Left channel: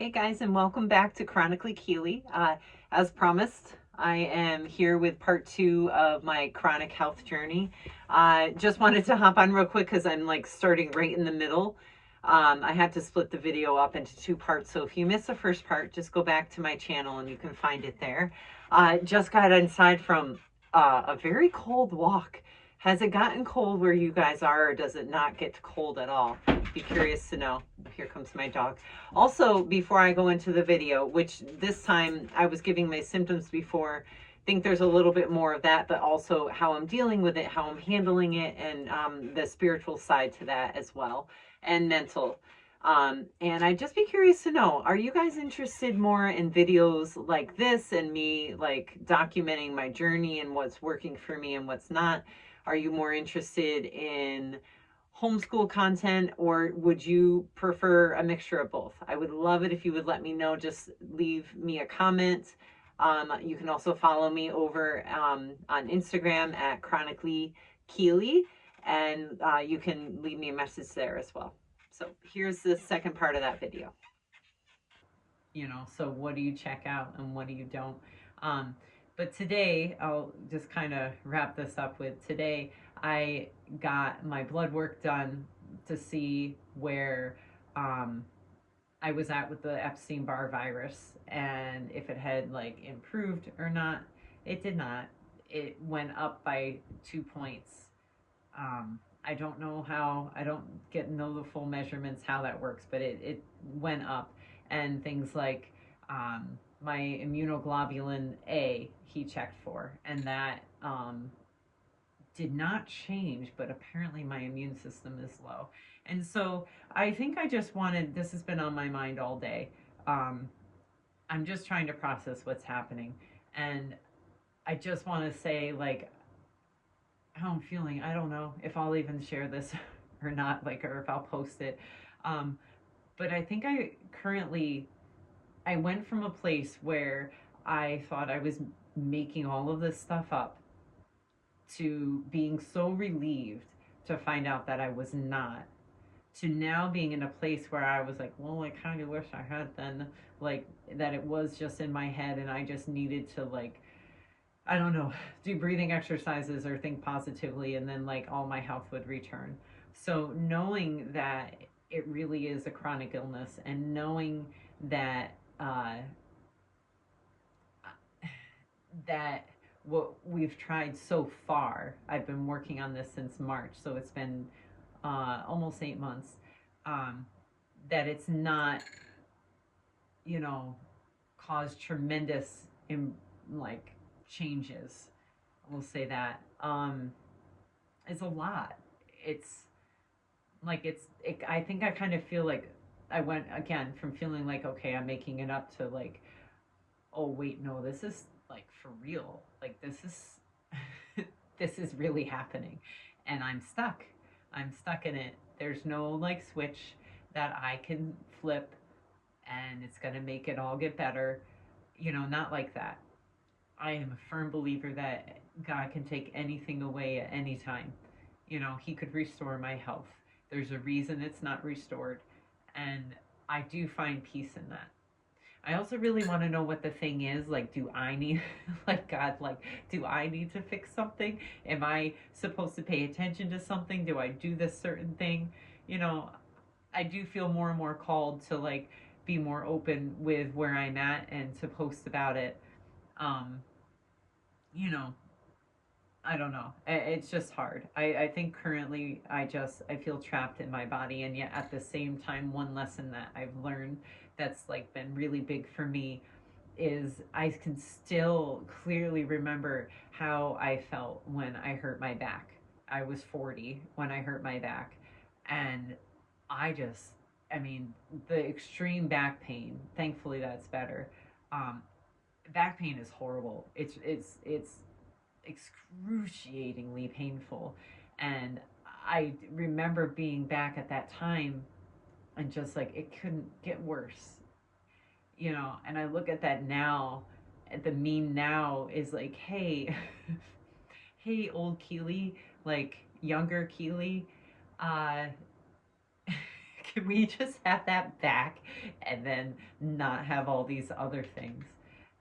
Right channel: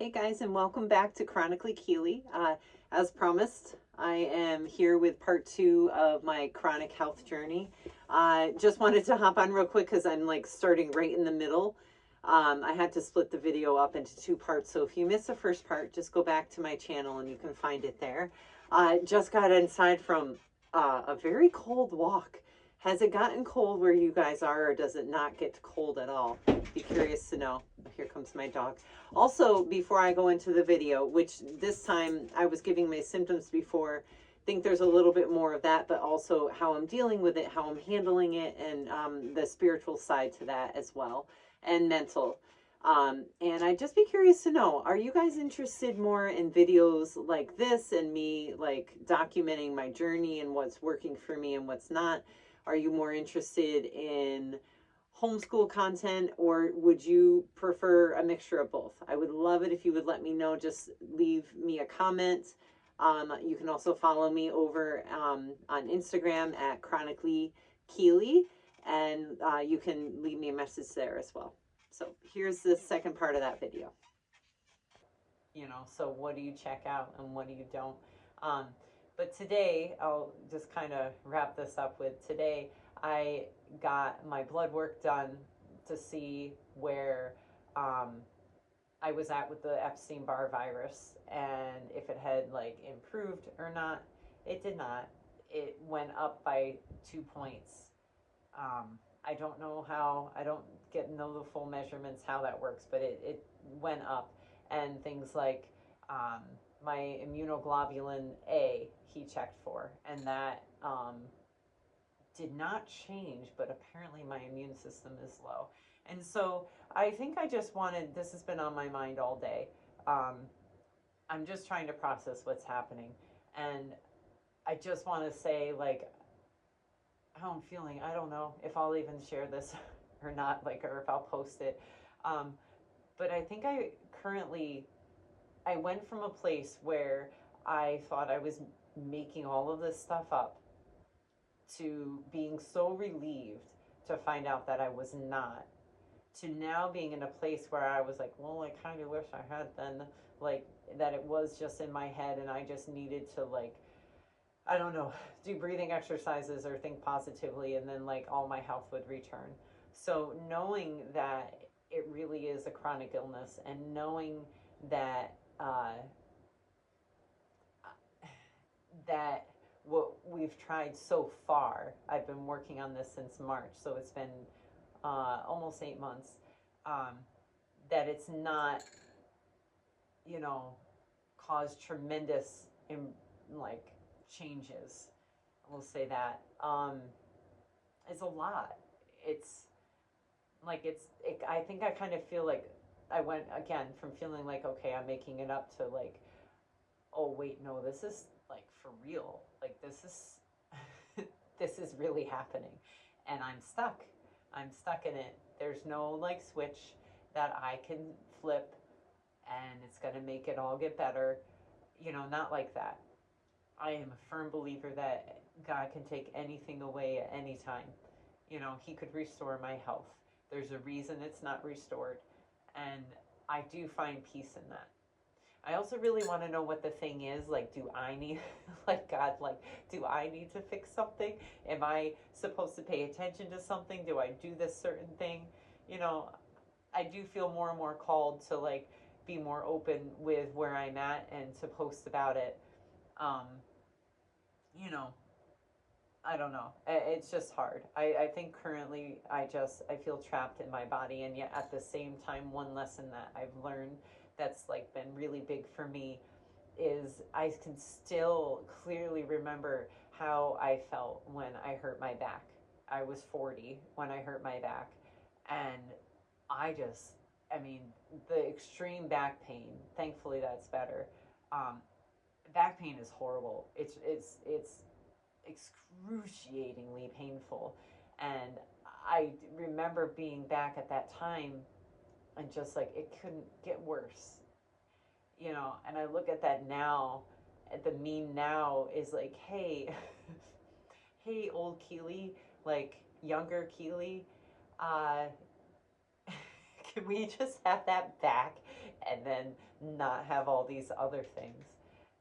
Hey guys, and welcome back to Chronically Keely. As promised, I am here with part two of my chronic health journey. Just wanted to hop on real quick because I'm like starting right in the middle. I had to split the video up into two parts, so if you missed the first part, just go back to my channel and you can find it there. Just got inside from a very cold walk. Has it gotten cold where you guys are, or does it not get cold at all? Be curious to know. Here comes my dog. Also, before I go into the video, which this time I was giving my symptoms before, I think there's a little bit more of that, but also how I'm dealing with it, how I'm handling it, and the spiritual side to that as well, and mental. And I'd just be curious to know, are you guys interested more in videos like this and me like documenting my journey and what's working for me and what's not? Are you more interested in homeschool content, or would you prefer a mixture of both? I would love it if you would let me know. Just leave me a comment. You can also follow me over on Instagram at Chronically Keely, and you can leave me a message there as well. So here's the second part of that video. So what do you check out and what do you don't? But today, I'll just kind of wrap this up with today. I got my blood work done to see where I was at with the Epstein-Barr virus and if it had like improved or not. It did not. It went up by 2 points. I don't know how, I don't know the full measurements how that works, but it went up. And things like um, my immunoglobulin A, he checked for, and that did not change, but apparently my immune system is low. And so I think I just wanted, this has been on my mind all day. Um, I'm just trying to process what's happening. And I just want to say, like, how I'm feeling. I don't know if I'll even share this or not, like, or if I'll post it. Um, but I think I went from a place where I thought I was making all of this stuff up to being so relieved to find out that I was not, to now being in a place where I was like, well, I kind of wish I had then, like, that it was just in my head and I just needed to, like, I don't know, do breathing exercises or think positively, and then like all my health would return. So knowing that it really is a chronic illness, and knowing that that what we've tried so far, I've been working on this since March, so it's been almost 8 months. Um, that it's not, you know, caused tremendous in, like, changes. We'll say that. It's a lot. It's I think I kind of feel like I went again from feeling like, okay, I'm making it up, to like, oh wait, no, this is like for real. Like, this is this is really happening, and I'm stuck in it. There's no like switch that I can flip and it's going to make it all get better. Not like that. I am a firm believer that God can take anything away at any time. He could restore my health. There's a reason it's not restored. And I do find peace in that. I also really want to know what the thing is. Like, do I need, like, God, like, do I need to fix something? Am I supposed to pay attention to something? Do I do this certain thing? You know, I do feel more and more called to, like, be more open with where I'm at and to post about it. Um, you know, I don't know. It's just hard. I think currently I feel trapped in my body. And yet at the same time, one lesson that I've learned that's like been really big for me is I can still clearly remember how I felt when I hurt my back. I was 40 when I hurt my back. And I just, I mean, the extreme back pain, thankfully that's better. Um, Back pain is horrible. It's excruciatingly painful. And I remember being back at that time and just like, it couldn't get worse, and I look at that now, at the meme now is like, hey, hey, old Keely, like younger Keely, uh, Can we just have that back and then not have all these other things?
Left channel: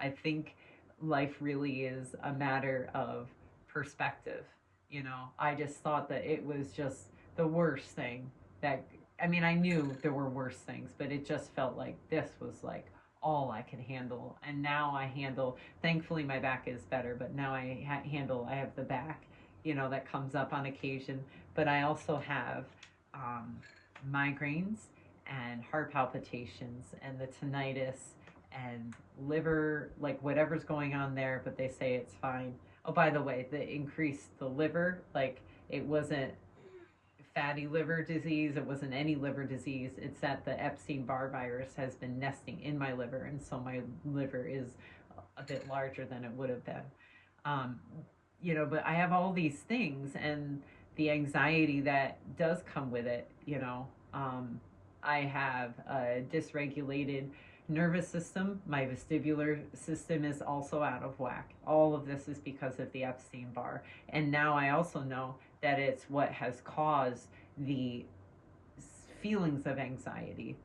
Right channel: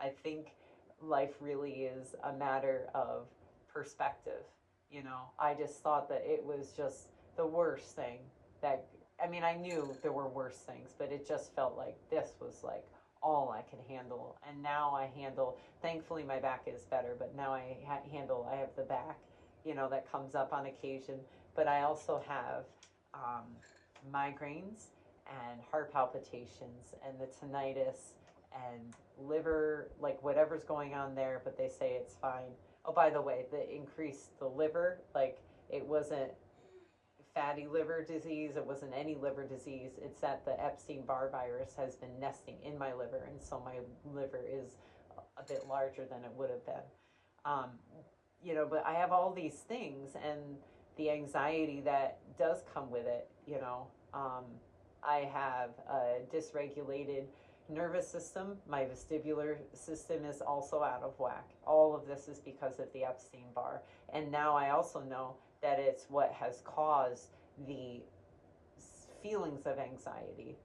I think life really is a matter of perspective. You know, I just thought that it was just the worst thing that, I mean, I knew there were worse things, but it just felt like this was like all I could handle. And now I handle, thankfully, my back is better, but now I have the back, you know, that comes up on occasion. But I also have um, migraines and heart palpitations and the tinnitus and liver, like whatever's going on there, but they say it's fine. Oh, by the way, the increase the liver, like it wasn't fatty liver disease, it wasn't any liver disease. It's that the Epstein-Barr virus has been nesting in my liver, and so my liver is a bit larger than it would have been. Um, you know, but I have all these things and the anxiety that does come with it, you know. I have a dysregulated nervous system. My vestibular system is also out of whack. All of this is because of the Epstein Barr. And now I also know that it's what has caused the feelings of anxiety.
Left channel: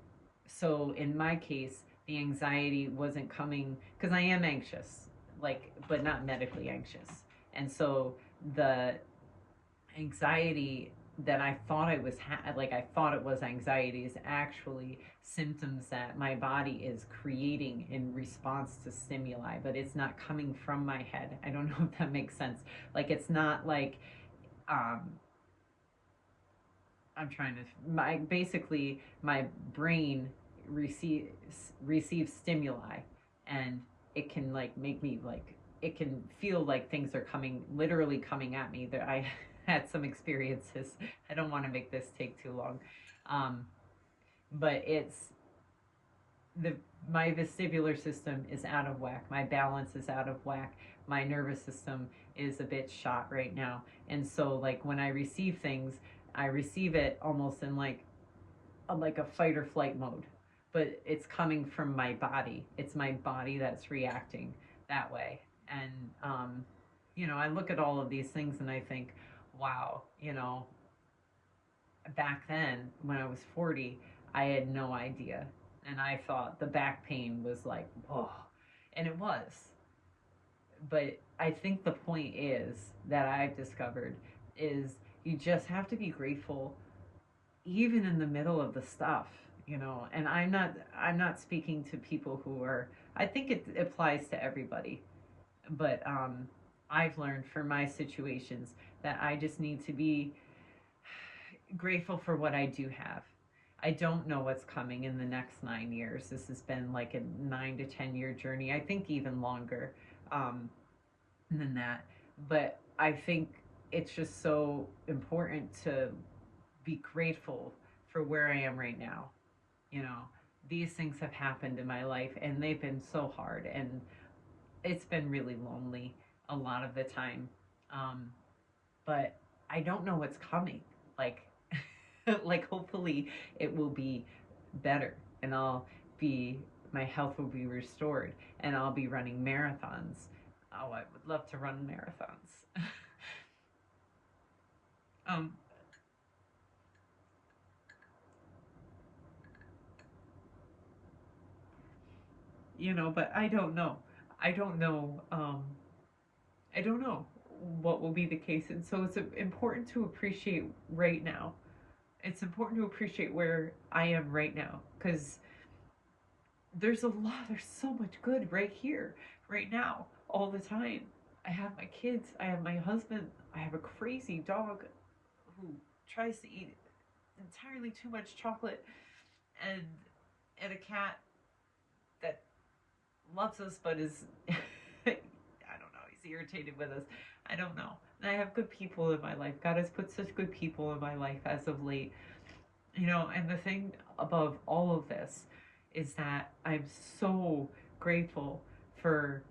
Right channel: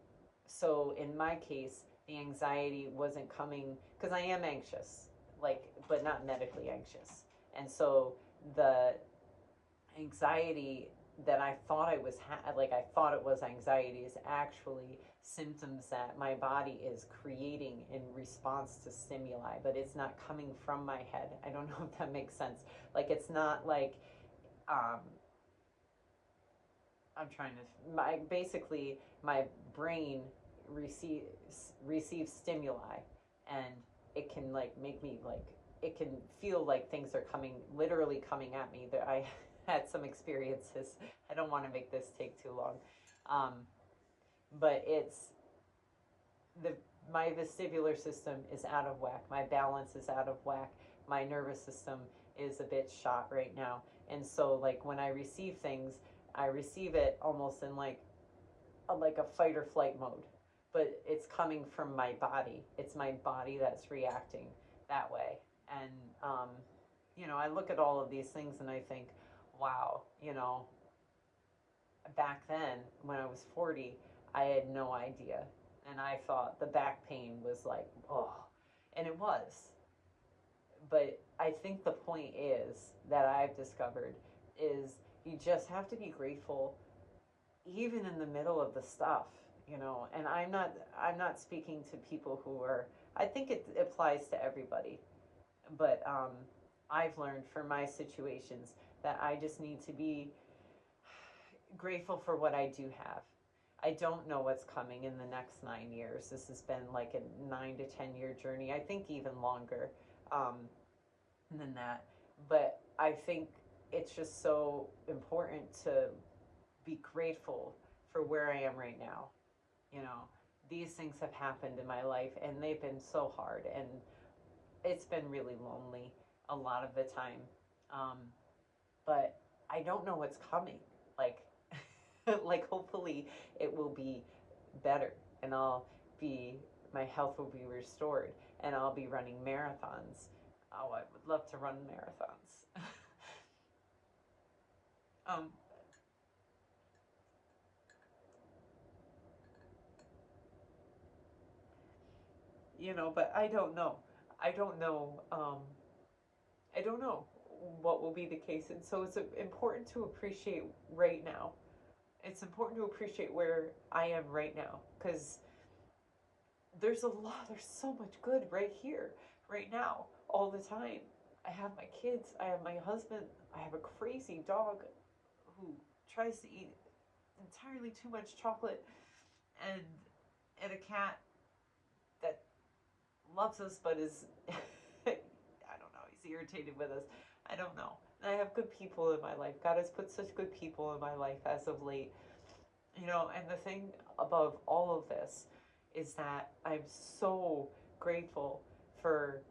So in my case, the anxiety wasn't coming because I am anxious, like, but not medically anxious. And so the anxiety that I thought I was like I thought it was anxiety is actually symptoms that my body is creating in response to stimuli, but it's not coming from my head. I don't know if that makes sense. Like it's not like um I'm trying to my basically my brain receives receives stimuli and it can like make me like it can feel like things are coming literally coming at me. That I had some experiences. I don't want to make this take too long. Um, but it's the my vestibular system is out of whack. My balance is out of whack. My nervous system is a bit shot right now. And so like when I receive things, I receive it almost in like a fight or flight mode. But it's coming from my body. It's my body that's reacting that way. And you know, I look at all of these things and I think, wow, you know, back then when I was 40, I had no idea. And I thought the back pain was like, oh, and it was. But I think the point is that I've discovered is you just have to be grateful even in the middle of the stuff, you know. And I'm not speaking to people who are, I think it applies to everybody. But I've learned for my situations that I just need to be grateful for what I do have. I don't know what's coming in the next 9 years. This has been like a 9 to 10 year journey. I think even longer than that. But I think it's just so important to be grateful for where I am right now. You know, these things have happened in my life and they've been so hard and it's been really lonely a lot of the time. Um, but I don't know what's coming. Like, like hopefully it will be better and my health will be restored and I'll be running marathons. Oh, I would love to run marathons. um, you know, but I don't know. I don't know. I don't know what will be the case, and so it's important to appreciate right now. It's important to appreciate where I am right now because there's a lot. There's so much good right here, right now, all the time. I have my kids. I have my husband. I have a crazy dog who tries to eat entirely too much chocolate, and and a cat that loves us but is I don't know, he's irritated with us. I don't know. And I have good people in my life. God has put such good people in my life as of late. You know, and the thing above all of this is that I'm so grateful for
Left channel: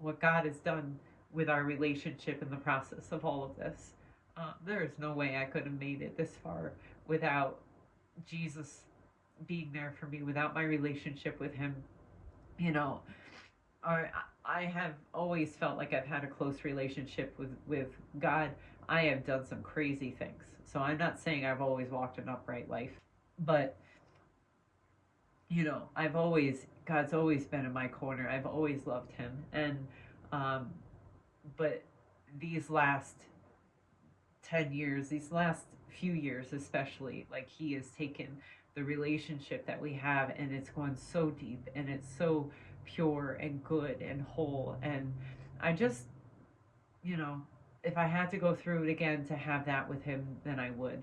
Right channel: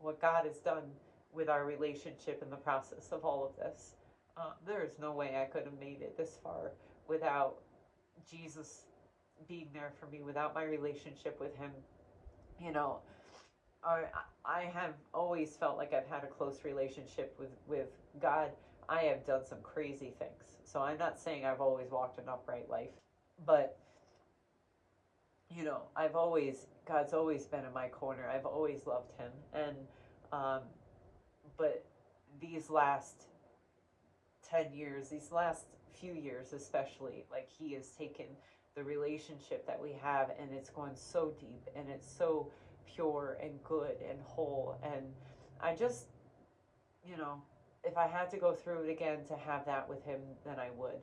what God has done with our relationship in the process of all of this. There is no way I could have made it this far without Jesus being there for me, without my relationship with Him. You know, I have always felt like I've had a close relationship with God. I have done some crazy things, so I'm not saying I've always walked an upright life, but God's always been in my corner. I've always loved him. Um, but these last 10 years, these last few years especially, like he has taken the relationship that we have and it's gone so deep and it's so pure and good and whole. And I just, you know, if I had to go through it again to have that with him, then I would.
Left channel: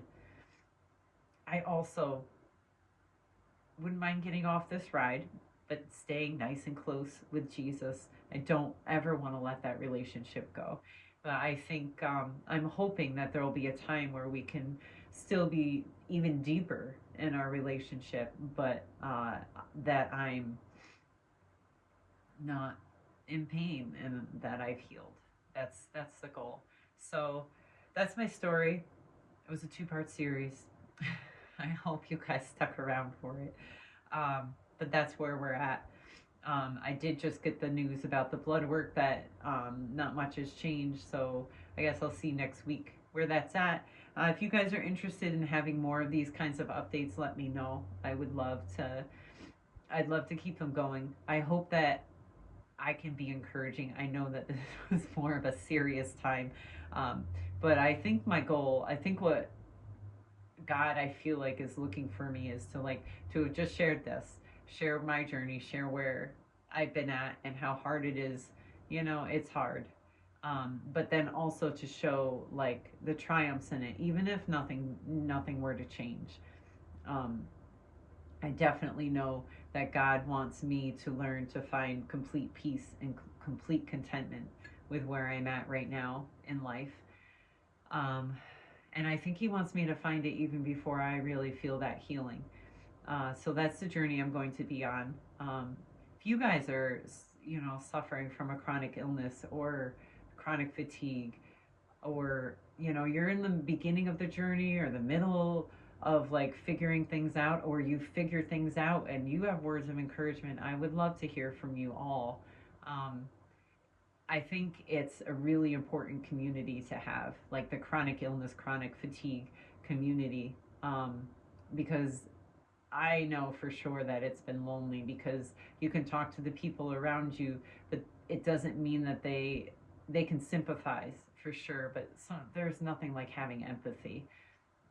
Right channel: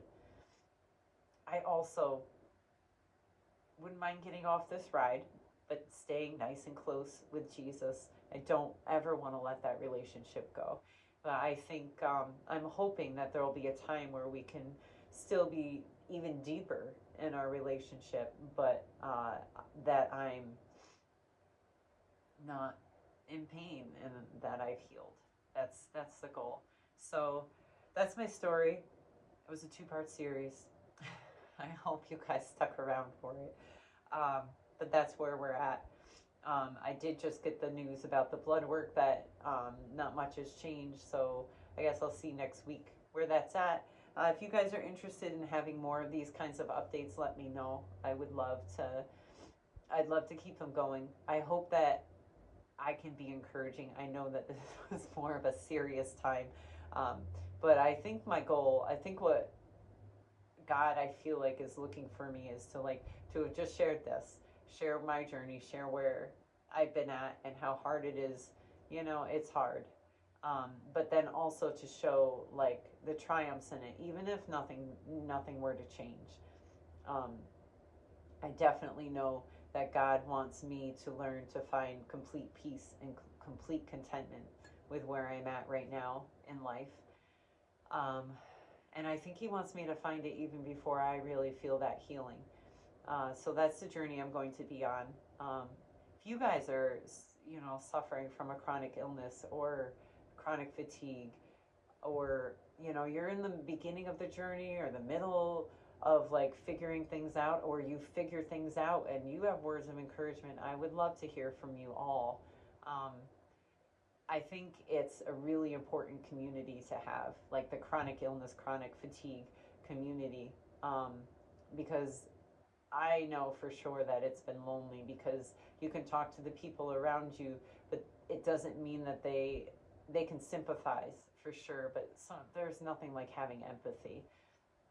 I also wouldn't mind getting off this ride, but staying nice and close with Jesus. I don't ever want to let that relationship go. But I think I'm hoping that there will be a time where we can still be even deeper in our relationship, but that I'm not in pain and that I've healed. That's the goal. So that's my story. It was a two-part series. I hope you guys stuck around for it. But that's where we're at. I did just get the news about the blood work that not much has changed, so I guess I'll see next week where that's at. If you guys are interested in having more of these kinds of updates, let me know. I'd love to keep them going. I hope that I can be encouraging. I know that this was more of a serious time, um, but I think my goal, I think what God, I feel like, is looking for me is to have just shared this, share my journey, share where I've been at and how hard it is. It's hard. But then also to show like the triumphs in it, even if nothing were to change. Um, I definitely know that God wants me to learn to find complete peace and complete contentment with where I'm at right now in life. Um, and I think He wants me to find it even before I really feel that healing. So that's the journey I'm going to be on. If you guys are, suffering from a chronic illness or chronic fatigue, or you're in the beginning of the journey or the middle of like figuring things out, or you figure things out and you have words of encouragement, I would love to hear from you all. um, I think it's a really important community to have, like the chronic illness, chronic fatigue community, um, because I know for sure that it's been lonely, because you can talk to the people around you, but it doesn't mean that they can sympathize for sure. But there's nothing like having empathy.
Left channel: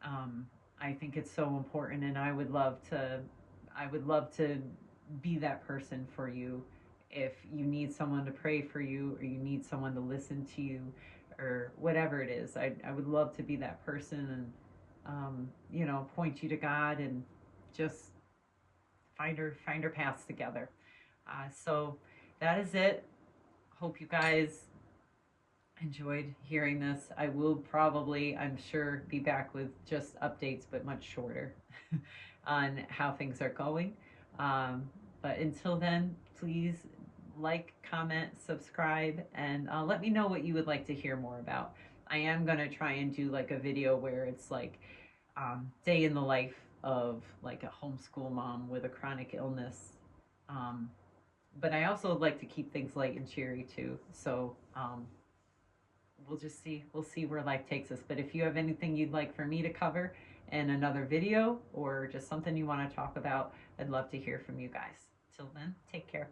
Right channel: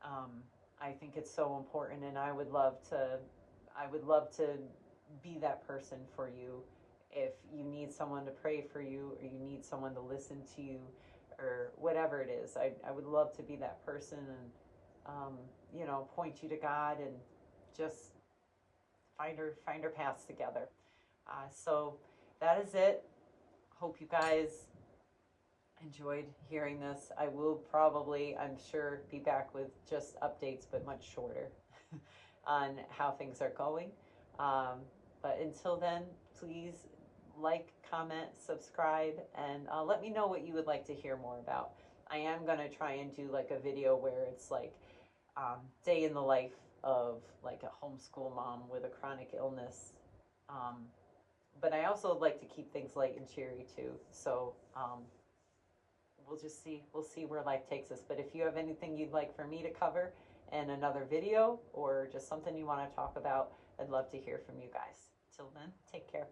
Um, I think it's so important, and I would love to be that person for you. If you need someone to pray for you, or you need someone to listen to you, or whatever it is, I would love to be that person, and point you to God, and just find our paths together. So that is it. Hope you guys enjoyed hearing this. I will probably, I'm sure, be back with just updates, but much shorter, on how things are going. Um, but until then, please like, comment, subscribe, and let me know what you would like to hear more about. I am going to try and do like a video where it's like day in the life of like a homeschool mom with a chronic illness. Um, but I also like to keep things light and cheery too. So we'll see where life takes us. But if you have anything you'd like for me to cover in another video, or just something you want to talk about, I'd love to hear from you guys. Till then, take care.